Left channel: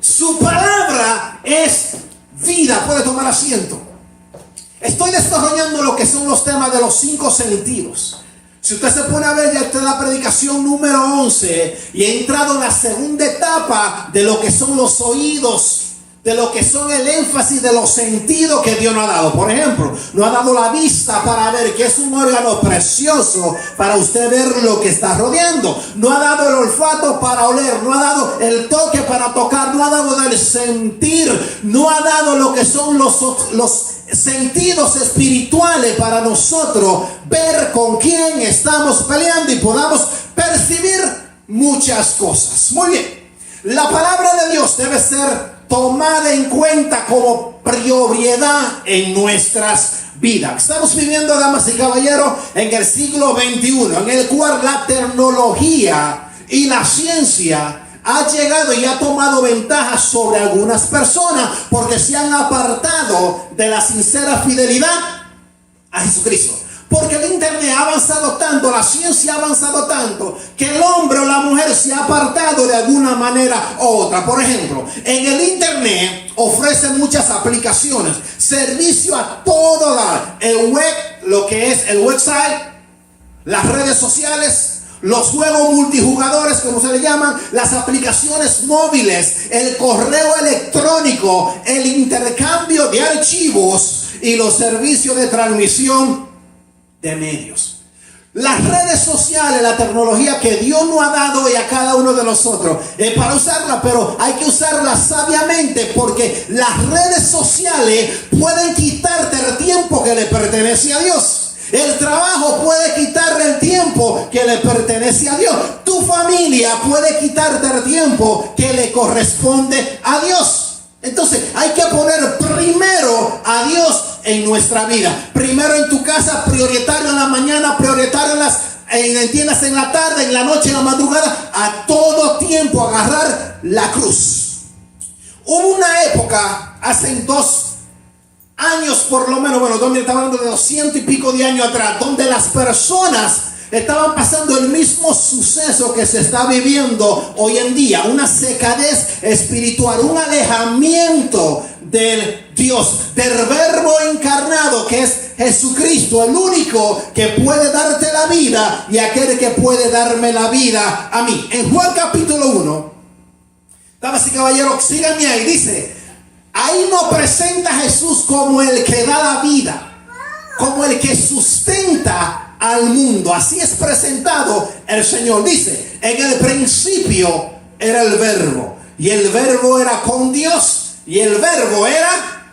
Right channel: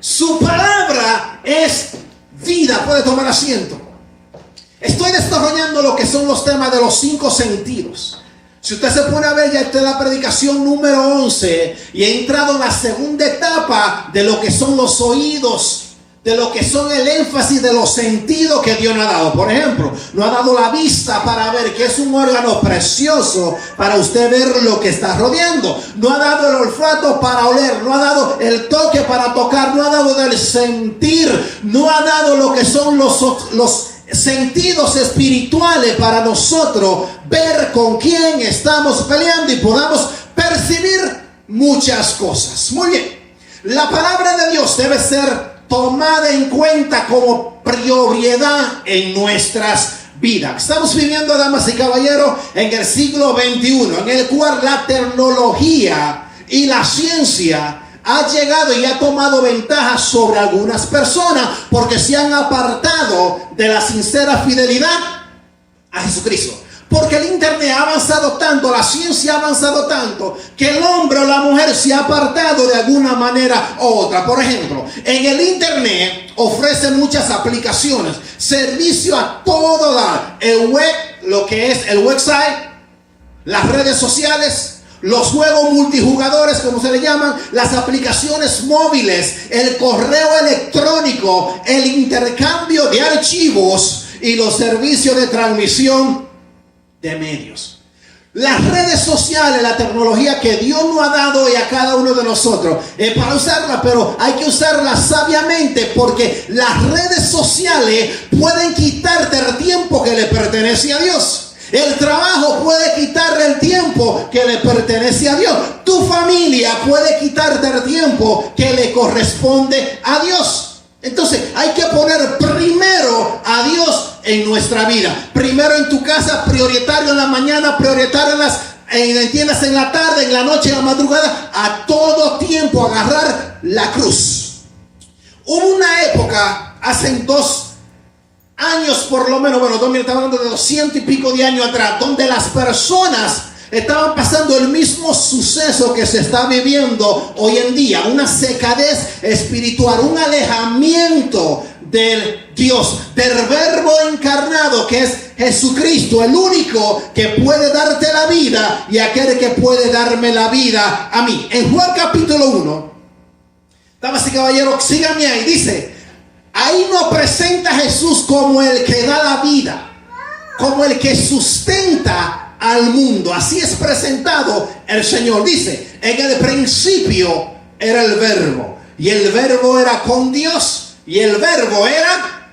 Su palabra es vida. Puede tomar asiento. Estoy desarrollando lo que son los temas de los 5 sentidos. Si usted se pone a ver, ya está en la predicación número 11 y he entrado en la segunda etapa de lo que son los oídos, de lo que son el énfasis de los sentidos que Dios nos ha dado. Por ejemplo, nos ha dado la vista para ver, que es un órgano precioso para usted ver lo que está rodeando. Nos ha dado el olfato para oler, nos ha dado el toque para tocar, nos ha dado el sentir, nos ha dado lo que son los sentidos espirituales para nosotros ver con quién estamos peleando y podamos percibir muchas cosas. Muy bien, la palabra de Dios debe ser tomada en cuenta como prioridad en nuestras vidas. Estamos viviendo, damas y caballeros, en el siglo XXI, en el cual la tecnología y la ciencia ha llegado y ha tomado ventaja sobre algunas personas porque se han apartado de la sincera fidelidad a Jesucristo. Porque el internet ha avanzado tanto, la ciencia ha avanzado tanto, que el hombre o la mujer se ha apartado de alguna manera u otra. Por ejemplo, en el internet ofrece muchas aplicaciones, servicio a todo dar. El web, lo que es el website, las redes sociales, los juegos multijugadores, como se le llaman, las aplicaciones móviles, el correo electrónico, el intercambio de archivos y los servicios de transmisión de medios. Las redes sociales, la tecnología que Dios nos ha dado y a cada uno de nosotros es para usarla, pero hay que usarla sabiamente, porque las redes sociales pueden quitarte el tiempo que le pertenece a Dios. El trabajo puede quitarte el tiempo que le pertenece a Dios. Tu familia puede quitarte el tiempo que le corresponde a Dios. Entonces hay que poner primero a Dios en nuestra vida. Primero en tu casa, prioritario en la mañana, prioritario en la tarde, en la noche, en la madrugada. A todo tiempo agarrar la cruz. Hubo una época, hace 2 años por lo menos, estamos hablando de 200 y pico de años atrás, donde las personas estaban pasando el mismo suceso que se está viviendo hoy en día, una secadez espiritual, un alejamiento del Dios, del verbo encarnado que es Jesucristo, el único que puede darte la vida y aquel que puede darme la vida a mí. En Juan capítulo 1, damas y caballeros, síganme ahí, dice: ahí nos presenta a Jesús como el que da la vida, como el que sustenta al mundo. Así es presentado el Señor. Dice: en el principio era el verbo, y el verbo era con Dios, y el verbo era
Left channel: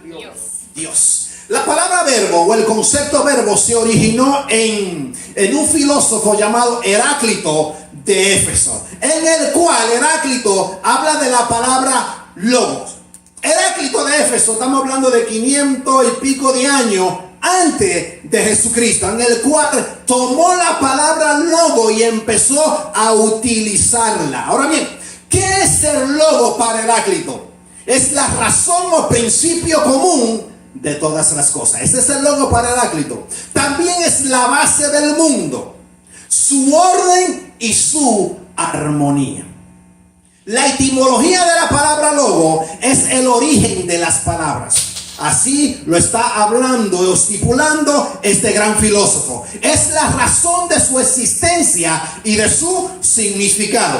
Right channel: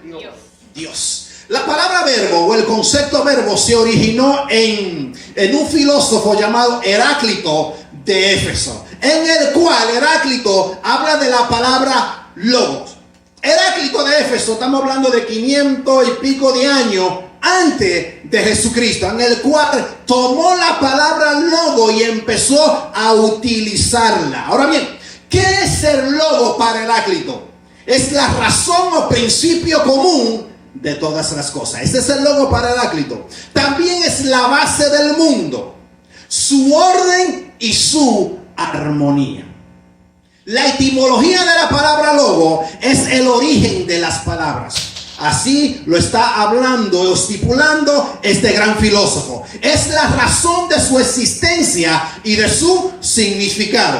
Dios. La palabra verbo o el concepto verbo se originó en un filósofo llamado Heráclito de Éfeso, en el cual Heráclito habla de la palabra logos. Heráclito de Éfeso, estamos hablando de 500 y pico de años antes de Jesucristo, en el cual tomó la palabra logo y empezó a utilizarla. Ahora bien, ¿qué es el logo para Heráclito? Es la razón o principio común de todas las cosas. Ese es el logo para Heráclito. También es la base del mundo, su orden y su armonía. La etimología de la palabra logo es el origen de las palabras. Así lo está hablando o estipulando este gran filósofo. Es la razón de su existencia y de su significado.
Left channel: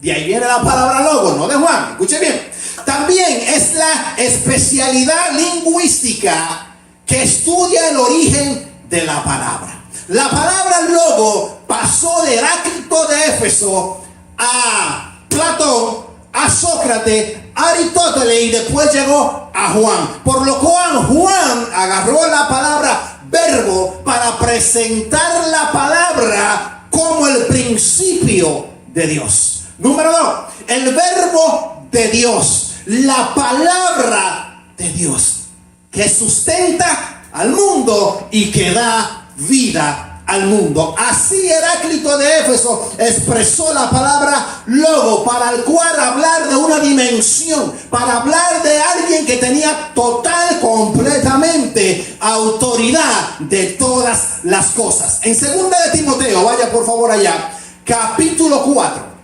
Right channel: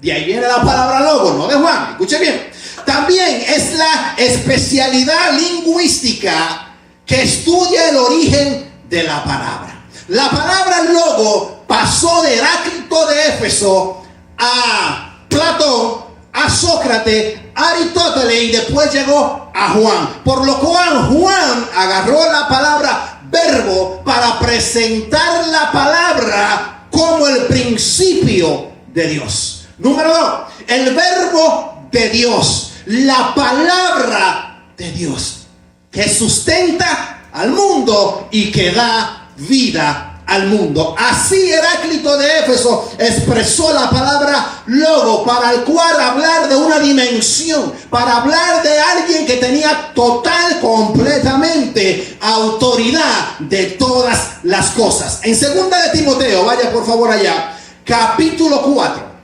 De ahí viene la palabra logo, no de Juan. Escuche bien. También es la especialidad lingüística que estudia el origen de la palabra. La palabra logo pasó de Heráclito de Éfeso a Platón, a Sócrates, a Aristóteles y después llegó a Juan. Por lo cual Juan agarró la palabra verbo para presentar la palabra como el principio de Dios. Número 2, el verbo de Dios, la palabra de Dios que sustenta al mundo y que da vida al mundo. Así Heráclito de Éfeso expresó la palabra logo, para el cual hablar de una dimensión, para hablar de alguien que tenía total, completamente autoridad de todas las cosas. En 2 de Timoteo, vaya por favor allá, capítulo 4.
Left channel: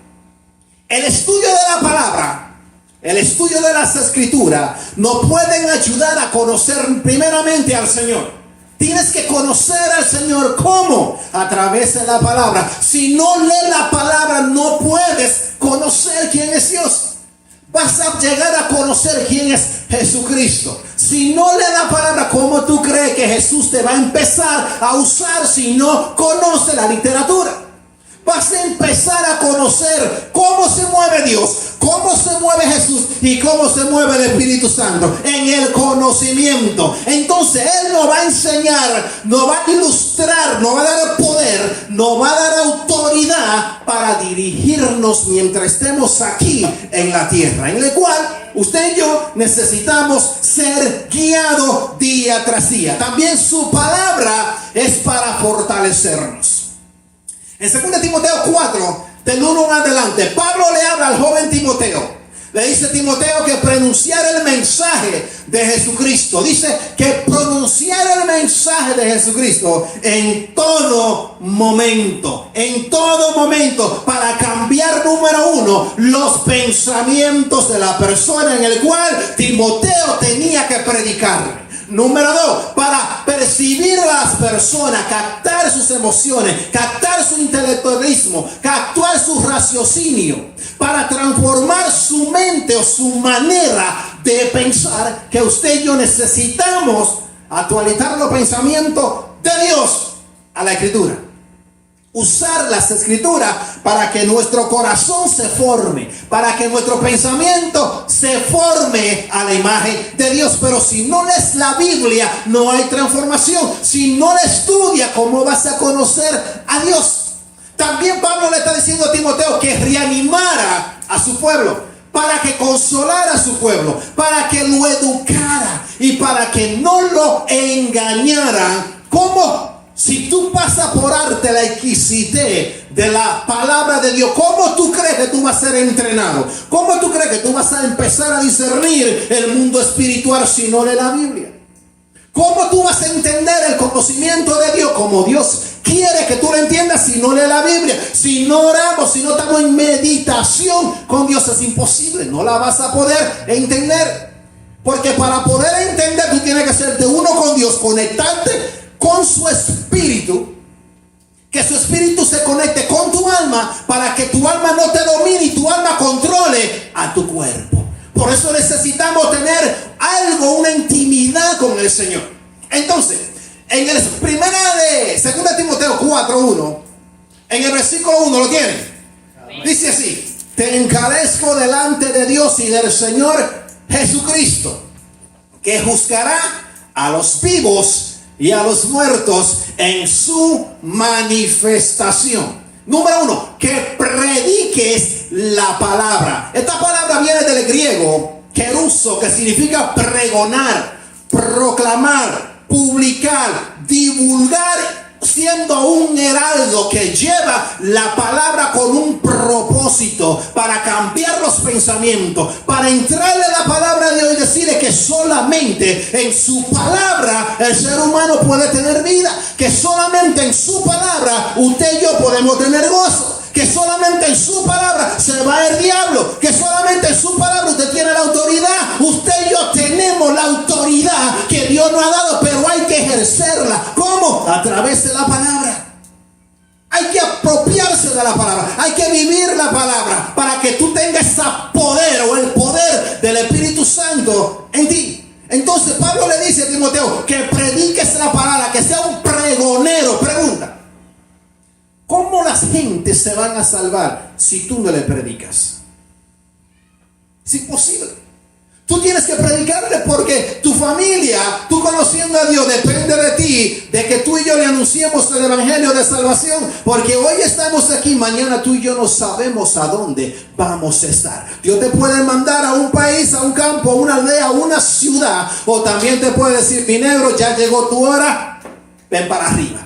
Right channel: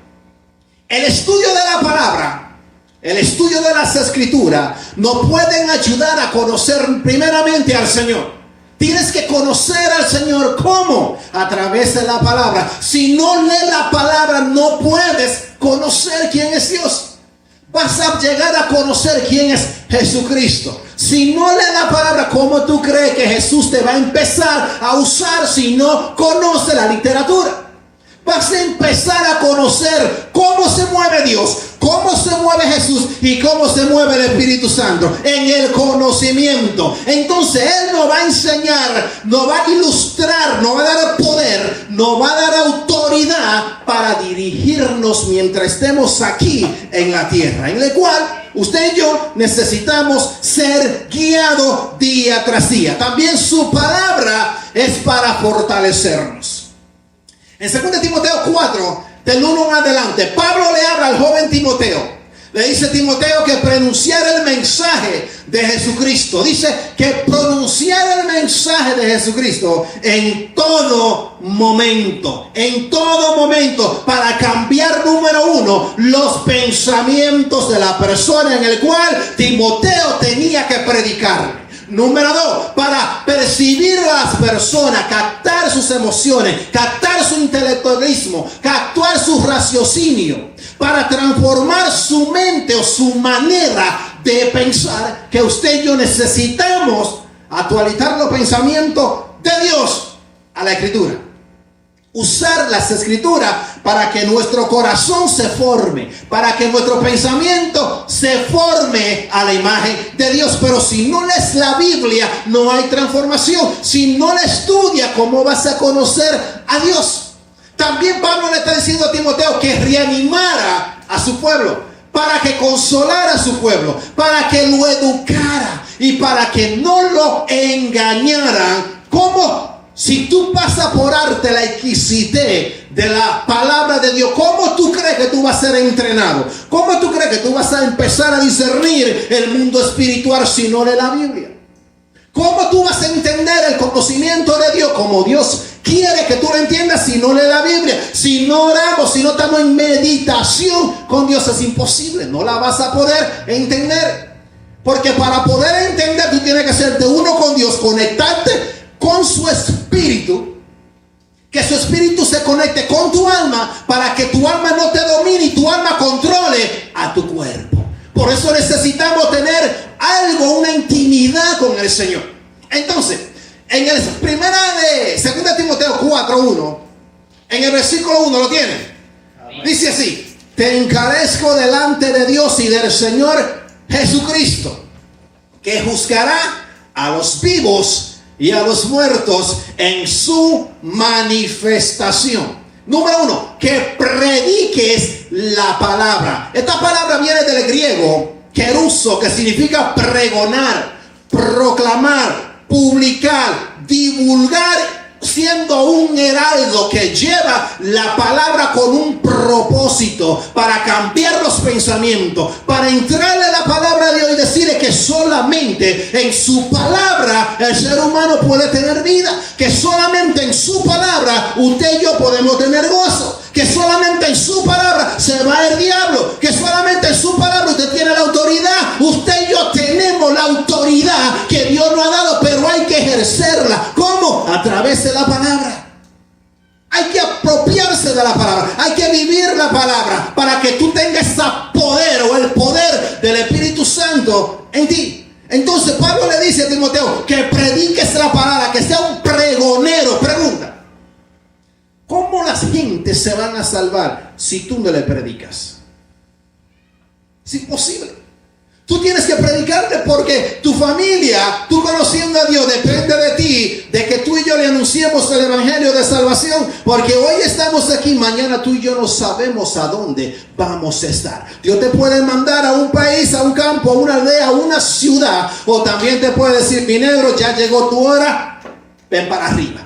El estudio de la palabra el estudio de las Escrituras nos pueden ayudar a conocer primeramente al Señor. Tienes que conocer al Señor. ¿Cómo? A través de la palabra. Si no lees la palabra, no puedes conocer quién es Dios. Vas a llegar a conocer quién es Jesucristo. Si no lees la palabra, ¿cómo tú crees que Jesús te va a empezar a usar si no conoces la literatura? Vas a empezar a conocer cómo se mueve Dios, cómo se mueve Jesús y cómo se mueve el Espíritu Santo en el conocimiento. Entonces Él nos va a enseñar, nos va a ilustrar, nos va a dar poder, nos va a dar autoridad para dirigirnos mientras estemos aquí en la tierra, en la cual usted y yo necesitamos ser guiados día tras día. También su palabra es para fortalecernos. En 2 Timoteo 4, del 1 en adelante, Pablo le habla al joven Timoteo. Le dice a Timoteo que pronunciara el mensaje de Jesucristo. Dice que pronunciara el mensaje de Jesucristo en todo momento. En todo momento. Para cambiar, número uno, los pensamientos de la persona en el cual Timoteo tenía que predicar. Número 2, para percibir a las personas, captar sus emociones, captar su intelectualismo, captar su raciocinio, para transformar su mente o su manera de pensar, que usted y yo necesitamos actualizar los pensamientos de Dios a la Escritura. Usar las Escrituras para que nuestro corazón se forme, para que nuestro pensamiento se forme a la imagen de Dios. Pero si no lees la Biblia, no hay transformación. Si no la estudias, ¿cómo vas a conocer a Dios? También Pablo le está diciendo a Timoteo que reanimara a su pueblo, para que consolara a su pueblo, para que lo educara y para que no lo engañaran. ¿Cómo? Si tú pasas por arte la exquisitez de la palabra de Dios, ¿cómo tú crees que tú vas a ser entrenado? ¿Cómo tú crees que tú vas a empezar a discernir el mundo espiritual si no lees la Biblia? ¿Cómo tú vas a entender el conocimiento de Dios como Dios quiere que tú lo entiendas si no lees la Biblia? Si no oramos, si no estamos en meditación con Dios, es imposible. No la vas a poder entender. Porque para poder entender, tú tienes que hacerte uno con Dios, conectarte con su espíritu, que su espíritu se conecte con tu alma, para que tu alma no te domine y tu alma controle a tu cuerpo. Por eso necesitamos tener algo, una intimidad con el Señor. Entonces, en el primera de 2 Timoteo 4:1, en el versículo 1, ¿lo tienen? Dice así: te encarezco delante de Dios y del Señor Jesucristo, que juzgará a los vivos y a los muertos en su manifestación. Número 1, que prediques la palabra. Esta palabra viene del griego keruso, que significa pregonar, proclamar, publicar, divulgar, siendo un heraldo que lleva la palabra con un propósito para cambiar los pensamientos, para entrarle a la palabra de Dios y decirle que solamente en su palabra el ser humano puede tener vida, que solamente en su palabra usted y yo podemos tener gozo, que solamente en su palabra se va el diablo, que solamente en su palabra usted tiene la autoridad. Usted y yo tenemos la autoridad que Dios nos ha dado, pero hay que ejercerla. ¿Cómo? A través de la palabra. Hay que apropiarse de la palabra, hay que vivir la palabra para que tú tengas ese poder o el poder del Espíritu Santo en ti. Entonces Pablo le dice a Timoteo que prediques la palabra, que sea un pregonero. Pregunta: ¿cómo las gentes se van a salvar si tú no le predicas? Es imposible. Tú tienes que predicarle, porque tu familia, tú conociendo a Dios, depende de ti, de que tú y yo le anunciemos el evangelio de salvación. Porque hoy estamos aquí, mañana tú y yo no sabemos a dónde vamos a estar. Dios te puede mandar a un país, a un campo, a una aldea, a una ciudad, o también te puede decir: mi negro, ya llegó tu hora, ven para arriba.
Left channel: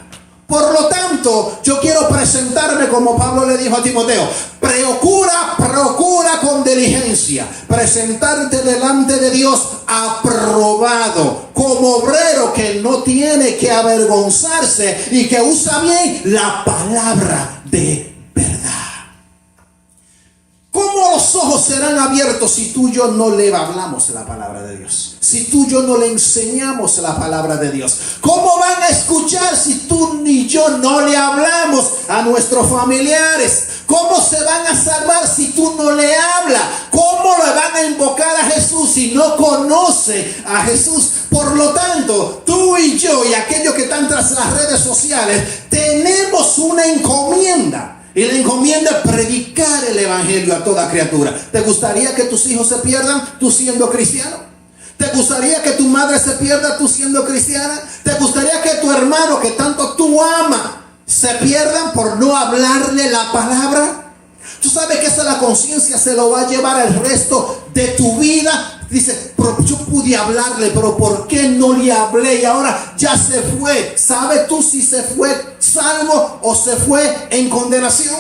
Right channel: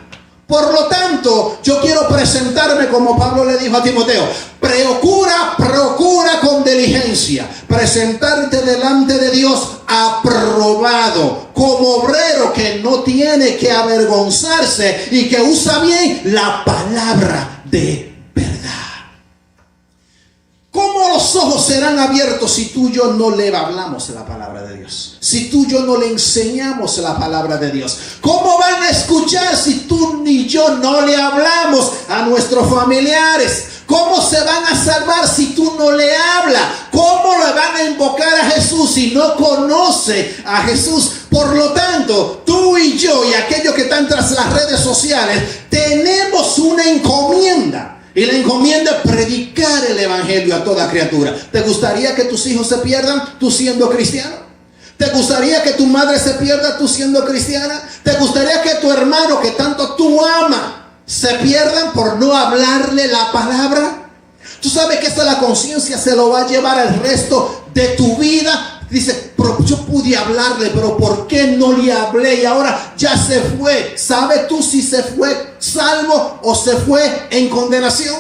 Por lo tanto, yo quiero presentarme como Pablo le dijo a Timoteo: procura con diligencia presentarte delante de Dios aprobado, como obrero que no tiene que avergonzarse y que usa bien la palabra de verdad. ¿Cómo los ojos serán abiertos si tú y yo no le hablamos la palabra de Dios? Si tú y yo no le enseñamos la palabra de Dios. ¿Cómo van a escuchar si tú ni yo no le hablamos a nuestros familiares? ¿Cómo se van a salvar si tú no le hablas? ¿Cómo le van a invocar a Jesús si no conoce a Jesús? Por lo tanto, tú y yo y aquellos que están tras las redes sociales tenemos una encomienda. Y la encomienda es predicar el evangelio a toda criatura. ¿Te gustaría que tus hijos se pierdan tú siendo cristiano? ¿Te gustaría que tu madre se pierda tú siendo cristiana? ¿Te gustaría que tu hermano que tanto tú amas se pierdan por no hablarle la palabra? Tú sabes que esa la conciencia se lo va a llevar el resto de tu vida. Dice, pero yo pude hablarle, pero ¿por qué no le hablé? Y ahora ya se fue. ¿Sabes tú si se fue salvo o se fue en condenación?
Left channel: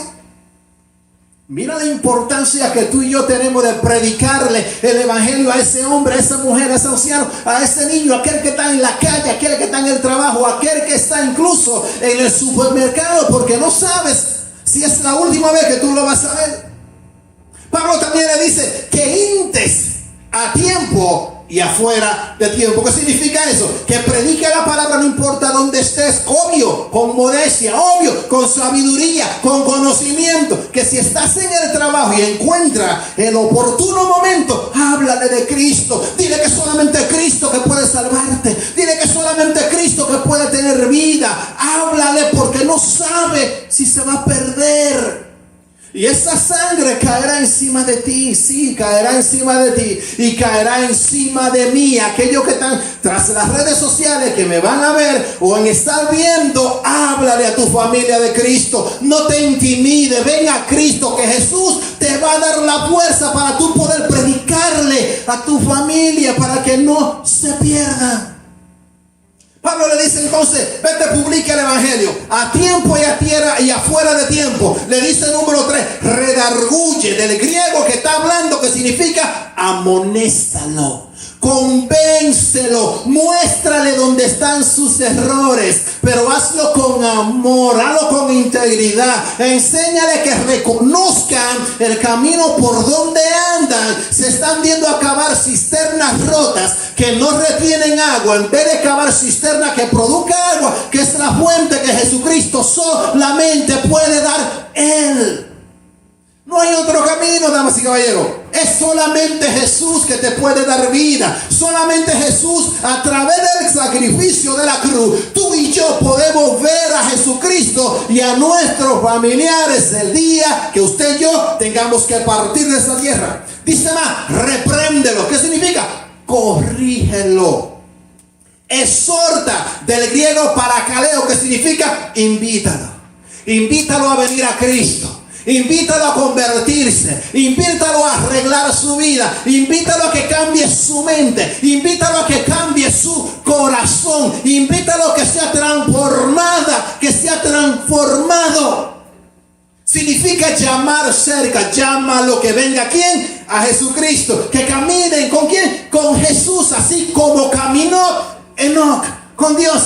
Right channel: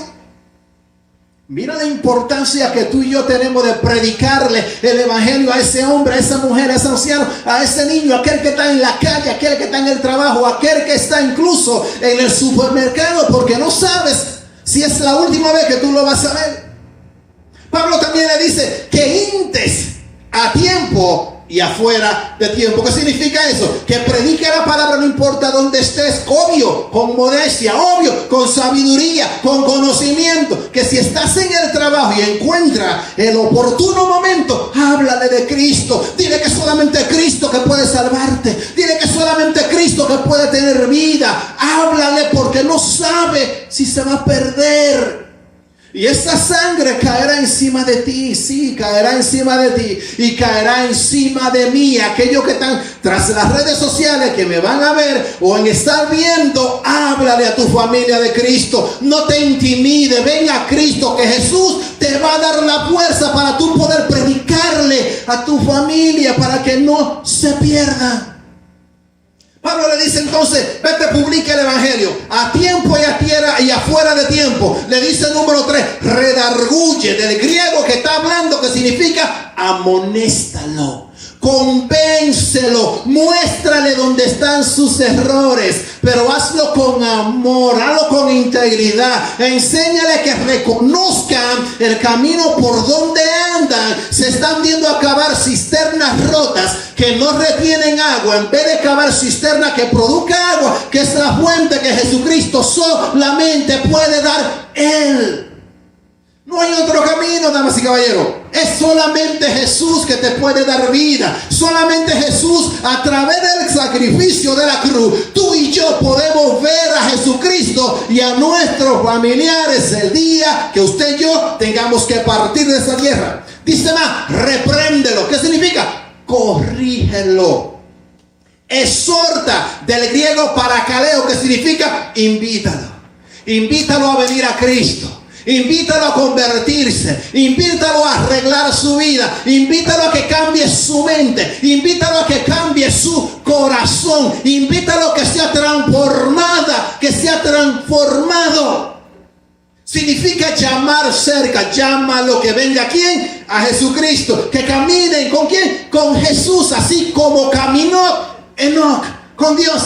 Mira la importancia que tú y yo tenemos de predicarle el evangelio a ese hombre, a esa mujer, a ese anciano, a ese niño, a aquel que está en la calle, a aquel que está en el trabajo, a aquel que está incluso en el supermercado, porque no sabes si es la última vez que tú lo vas a ver. Pablo también le dice que intes a tiempo y afuera de tiempo. ¿Qué significa eso? Que predica la palabra no importa dónde estés, obvio, con modestia, obvio, con sabiduría, con conocimiento. Que si estás en el trabajo y encuentras el oportuno momento, háblale de Cristo. Dile que solamente Cristo que puede salvarte. Dile que solamente Cristo que puede tener vida. Háblale porque no sabe si se va a perder. Y esa sangre caerá encima de ti, sí, caerá encima de ti y caerá encima de mí. Aquellos que están tras las redes sociales que me van a ver o en estar viendo, háblale a tu familia de Cristo. No te intimide, ven a Cristo, que Jesús te va a dar la fuerza para tú poder predicarle a tu familia para que no se pierda. Pablo le dice entonces, vete, publica el evangelio a tiempo y a tierra y afuera de tiempo. Le dice número 3, redarguye, del griego que está hablando, que significa amonéstalo, convéncelo, muéstrale dónde están sus errores, pero hazlo con amor, hazlo con integridad. Enséñale que reconozcan el camino por donde andan. Se están viendo acabar cisternas rotas que no retienen agua, en vez de cavar cisterna que produzca agua, que es la fuente que Jesucristo solamente puede dar Él. No hay otro camino, damas y caballeros. Es solamente Jesús que te puede dar vida. Solamente Jesús, a través del sacrificio de la cruz, tú y yo podemos ver a Jesucristo y a nuestros familiares el día que usted y yo tengamos que partir de esta tierra. Dice más, repréndelo. ¿Qué significa? Corrígelo. Exhorta, del griego parakaleo, que significa invítalo. Invítalo a venir a Cristo. Invítalo a convertirse, invítalo a arreglar su vida, invítalo a que cambie su mente, invítalo a que cambie su corazón, invítalo a que sea transformada, que sea transformado. Significa llamar cerca, llámalo, que venga ¿a quién? A Jesucristo, que caminen ¿con quién? Con Jesús, así como caminó Enoc con Dios.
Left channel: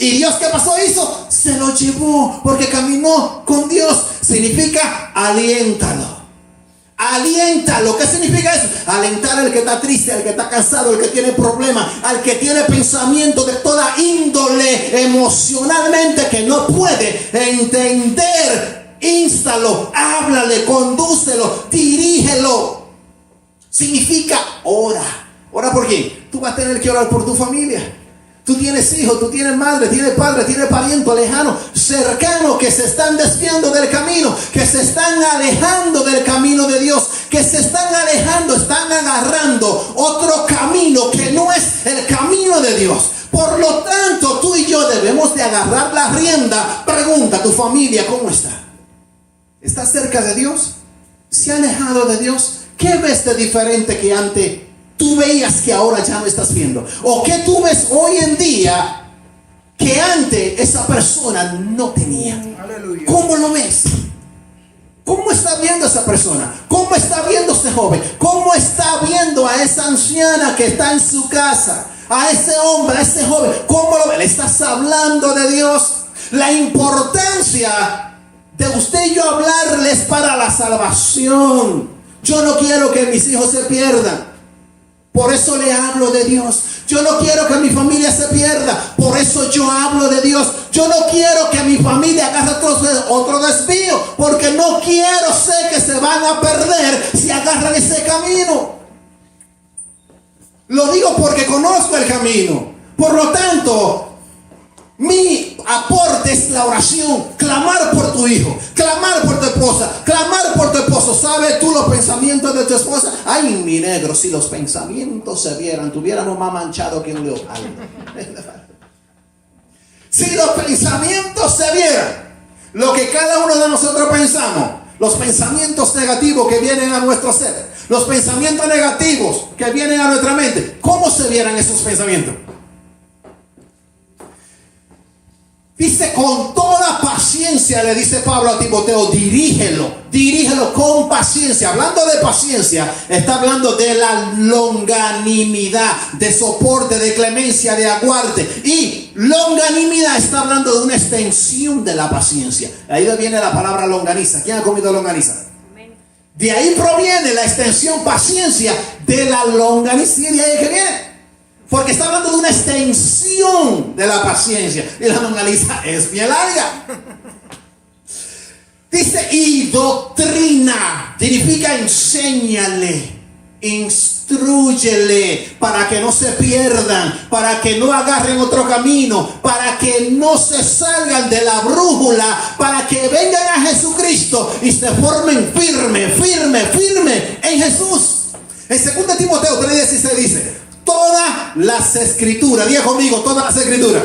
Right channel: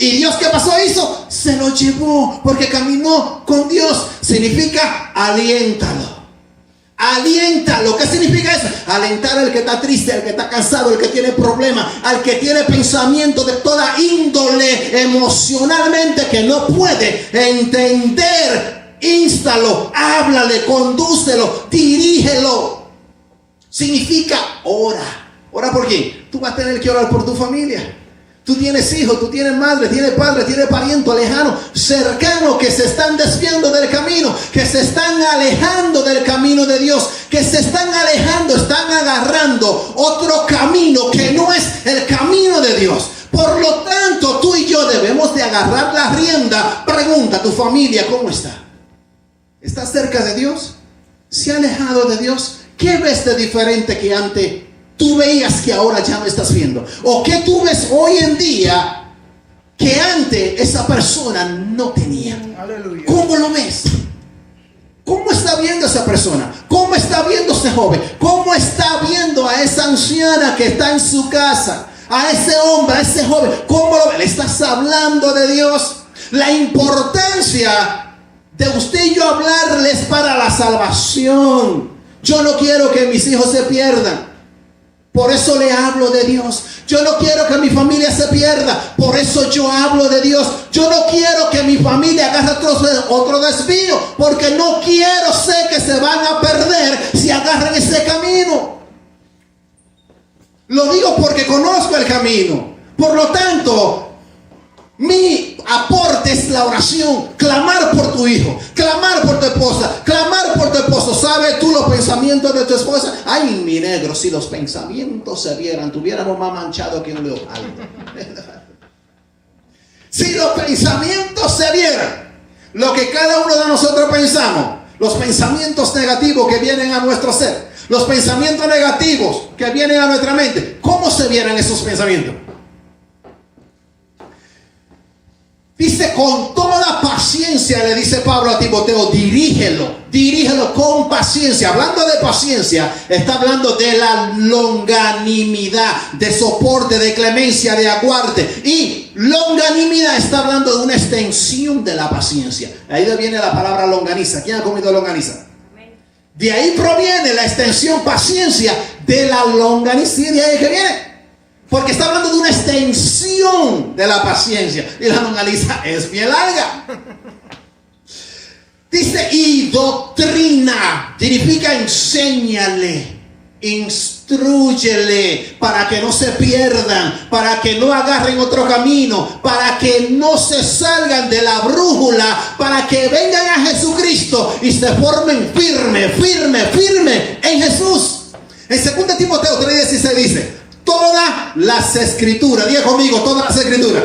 ¿Y Dios qué pasó? Hizo, se lo llevó porque caminó con Dios. Significa aliéntalo. Aliéntalo. ¿Qué significa eso? Alentar al que está triste, al que está cansado, al que tiene problemas, al que tiene pensamientos de toda índole emocionalmente que no puede entender. Instalo, háblale, condúcelo, dirígelo. Significa ora. ¿Ora por quién? Tú vas a tener que orar por tu familia. Tú tienes hijos, tú tienes madre, tienes padre, tienes parientes lejanos, cercanos, que se están desviando del camino, que se están alejando del camino de Dios, que se están alejando, están agarrando otro camino que no es el camino de Dios. Por lo tanto, tú y yo debemos de agarrar la rienda. Pregunta a tu familia, ¿cómo está? ¿Está cerca de Dios? ¿Se ha alejado de Dios? ¿Qué ves de diferente que antes tú veías que ahora ya no estás viendo? ¿O qué tú ves hoy en día que antes esa persona no tenía? Aleluya. ¿Cómo lo ves? ¿Cómo está viendo esa persona? ¿Cómo está viendo ese joven? ¿Cómo está viendo a esa anciana que está en su casa? A ese hombre, a ese joven. ¿Cómo lo ves? ¿Le estás hablando de Dios? La importancia de usted y yo hablarles para la salvación. Yo no quiero que mis hijos se pierdan. Por eso le hablo de Dios. Yo no quiero que mi familia se pierda. Por eso yo hablo de Dios. Yo no quiero que mi familia agarre otro desvío. Porque no quiero, sé que se van a perder si agarran ese camino. Lo digo porque conozco el camino. Por lo tanto, mi aporte es la oración. Clamar por tu hijo, clamar por tu esposa, clamar por tu esposo. ¿Sabes tú los pensamientos de tu esposa? Ay, mi negro, si los pensamientos se vieran, tuviéramos más manchado que un leopardo. Si los pensamientos se vieran, lo que cada uno de nosotros pensamos, los pensamientos negativos que vienen a nuestro ser, los pensamientos negativos que vienen a nuestra mente, ¿cómo se vieran esos pensamientos? Dice, con toda paciencia, le dice Pablo a Timoteo, dirígelo con paciencia. Hablando de paciencia, está hablando de la longanimidad, de soporte, de clemencia, de aguante. Y longanimidad está hablando de una extensión de la paciencia. Ahí viene la palabra longaniza. ¿Quién ha comido longaniza? De ahí proviene la extensión paciencia de la longaniza. ¿Y de ahí que viene? Porque está hablando de una extensión de la paciencia. Y la longaniza es bien larga. Dice, y doctrina. Significa enséñale, instrúyele, para que no se pierdan, para que no agarren otro camino, para que no se salgan de la brújula, para que vengan a Jesucristo y se formen firme en Jesús. En 2 Timoteo 3:16 dice, todas las escrituras, diga conmigo, todas las escrituras.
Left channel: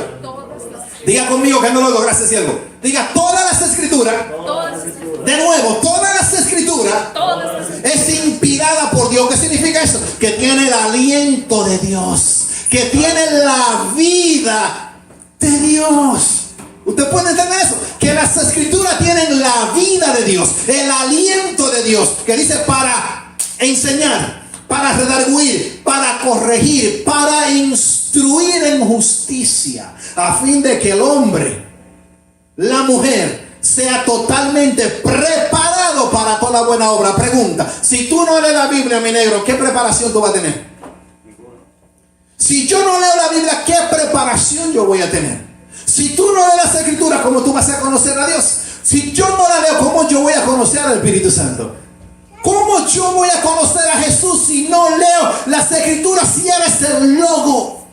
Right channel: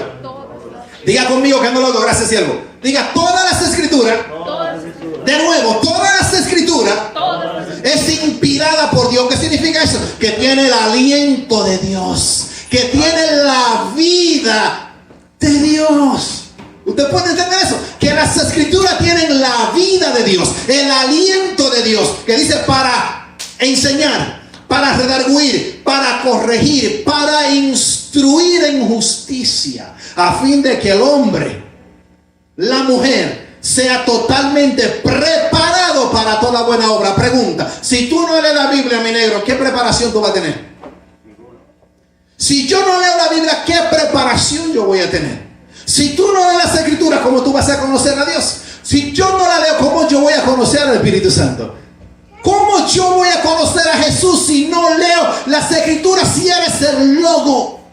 Diga conmigo que no lo hago, gracias siervo. Diga todas las escrituras. De nuevo, todas las escrituras es inspirada por Dios. ¿Qué significa eso? Que tiene el aliento de Dios, que tiene la vida de Dios. ¿Usted puede entender eso? Que las escrituras tienen la vida de Dios, el aliento de Dios, que dice para enseñar, para redarguir, para corregir, para instruir en justicia, a fin de que el hombre, la mujer, sea totalmente preparado para toda buena obra. Pregunta, si tú no lees la Biblia, mi negro, ¿qué preparación tú vas a tener? Si yo no leo la Biblia, ¿qué preparación yo voy a tener? Si tú no lees las escrituras, ¿cómo tú vas a conocer a Dios? Si yo no la leo, ¿cómo yo voy a conocer al Espíritu Santo? ¿Cómo yo voy a conocer a Jesús si no leo las escrituras? Si Él es el logo,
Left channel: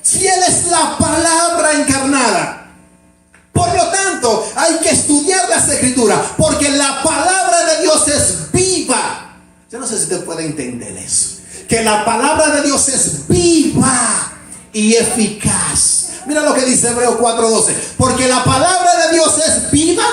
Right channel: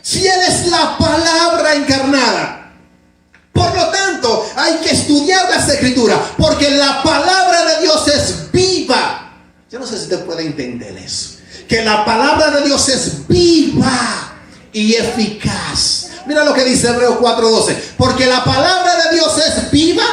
si Él es la palabra encarnada. Por lo tanto, hay que estudiar las escrituras, porque la palabra de Dios es viva. Yo no sé si usted puede entender eso, que la palabra de Dios es viva y eficaz. Mira lo que dice Hebreos 4:12, porque la palabra de Dios es viva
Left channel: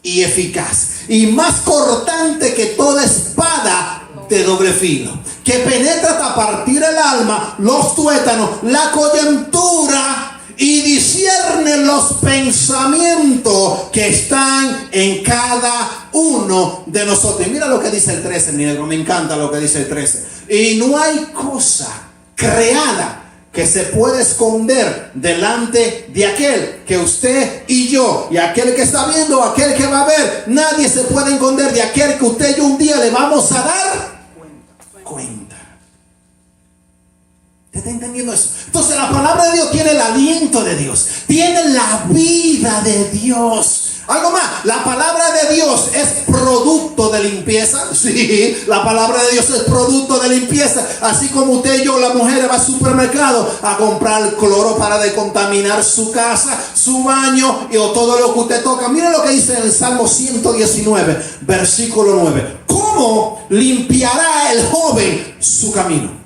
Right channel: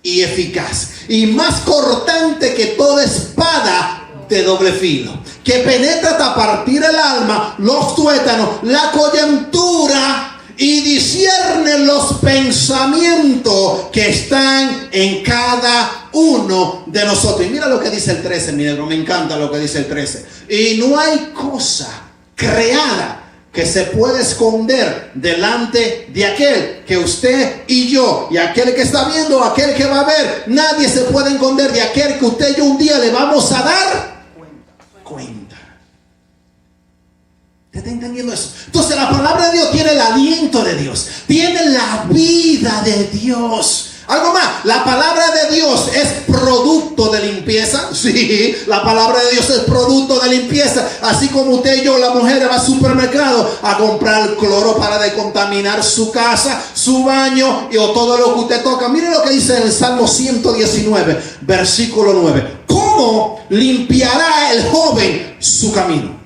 y eficaz, y más cortante que toda espada de doble filo, que penetra hasta partir el alma, los tuétanos, la coyuntura, y discierne los pensamientos que están en cada uno de nosotros. Y mira lo que dice el 13, mi negro, me encanta lo que dice el 13. Y no hay cosa creada que se pueda esconder delante de aquel que usted y yo, y aquel que está viendo, aquel que va a ver. Nadie se puede esconder de aquel que usted y yo un día le vamos a dar cuenta. ¿Está entendiendo eso? Entonces la palabra de Dios tiene el aliento de Dios, tiene la vida de Dios. Algo más, la palabra de Dios es producto de limpieza. Sí, la palabra de Dios es producto de limpieza. Así como usted y yo, la mujer, va al supermercado a comprar cloro para decontaminar su casa, su baño o todo lo que usted toca. Mira lo que dice en el Salmo 119, versículo 9. ¿Cómo limpiará el joven su camino?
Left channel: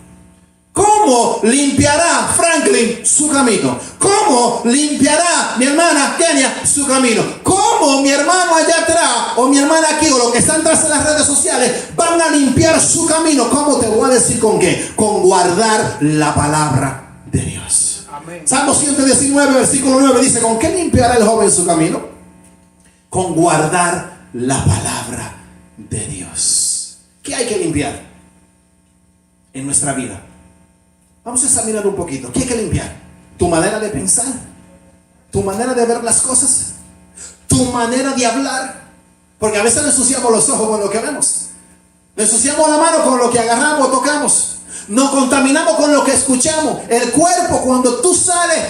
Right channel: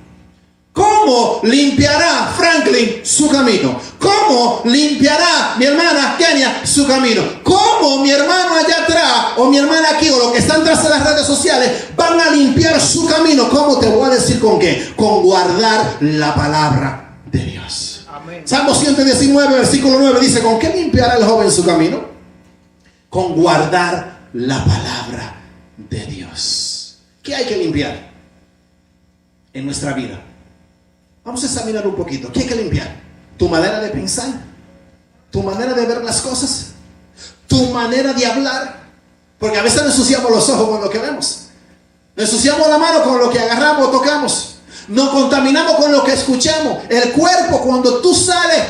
¿Cómo limpiará Franklin su camino? ¿Cómo limpiará mi hermana Kenia su camino? ¿Cómo mi hermano allá atrás o mi hermana aquí o los que están tras de las redes sociales van a limpiar su camino? ¿Cómo? Te voy a decir con qué. Con guardar la palabra de Dios. Amén. Salmo 119, versículo 9 dice, ¿con qué limpiará el joven su camino? Con guardar la palabra de Dios. ¿Qué hay que limpiar en nuestra vida? Vamos a examinar un poquito. ¿Qué hay que limpiar? Tu manera de pensar, tu manera de ver las cosas, tu manera de hablar, porque a veces nos ensuciamos los ojos con lo que vemos. Nos ensuciamos la mano con lo que agarramos o tocamos. Nos contaminamos con lo que escuchamos. El cuerpo, cuando tú sales,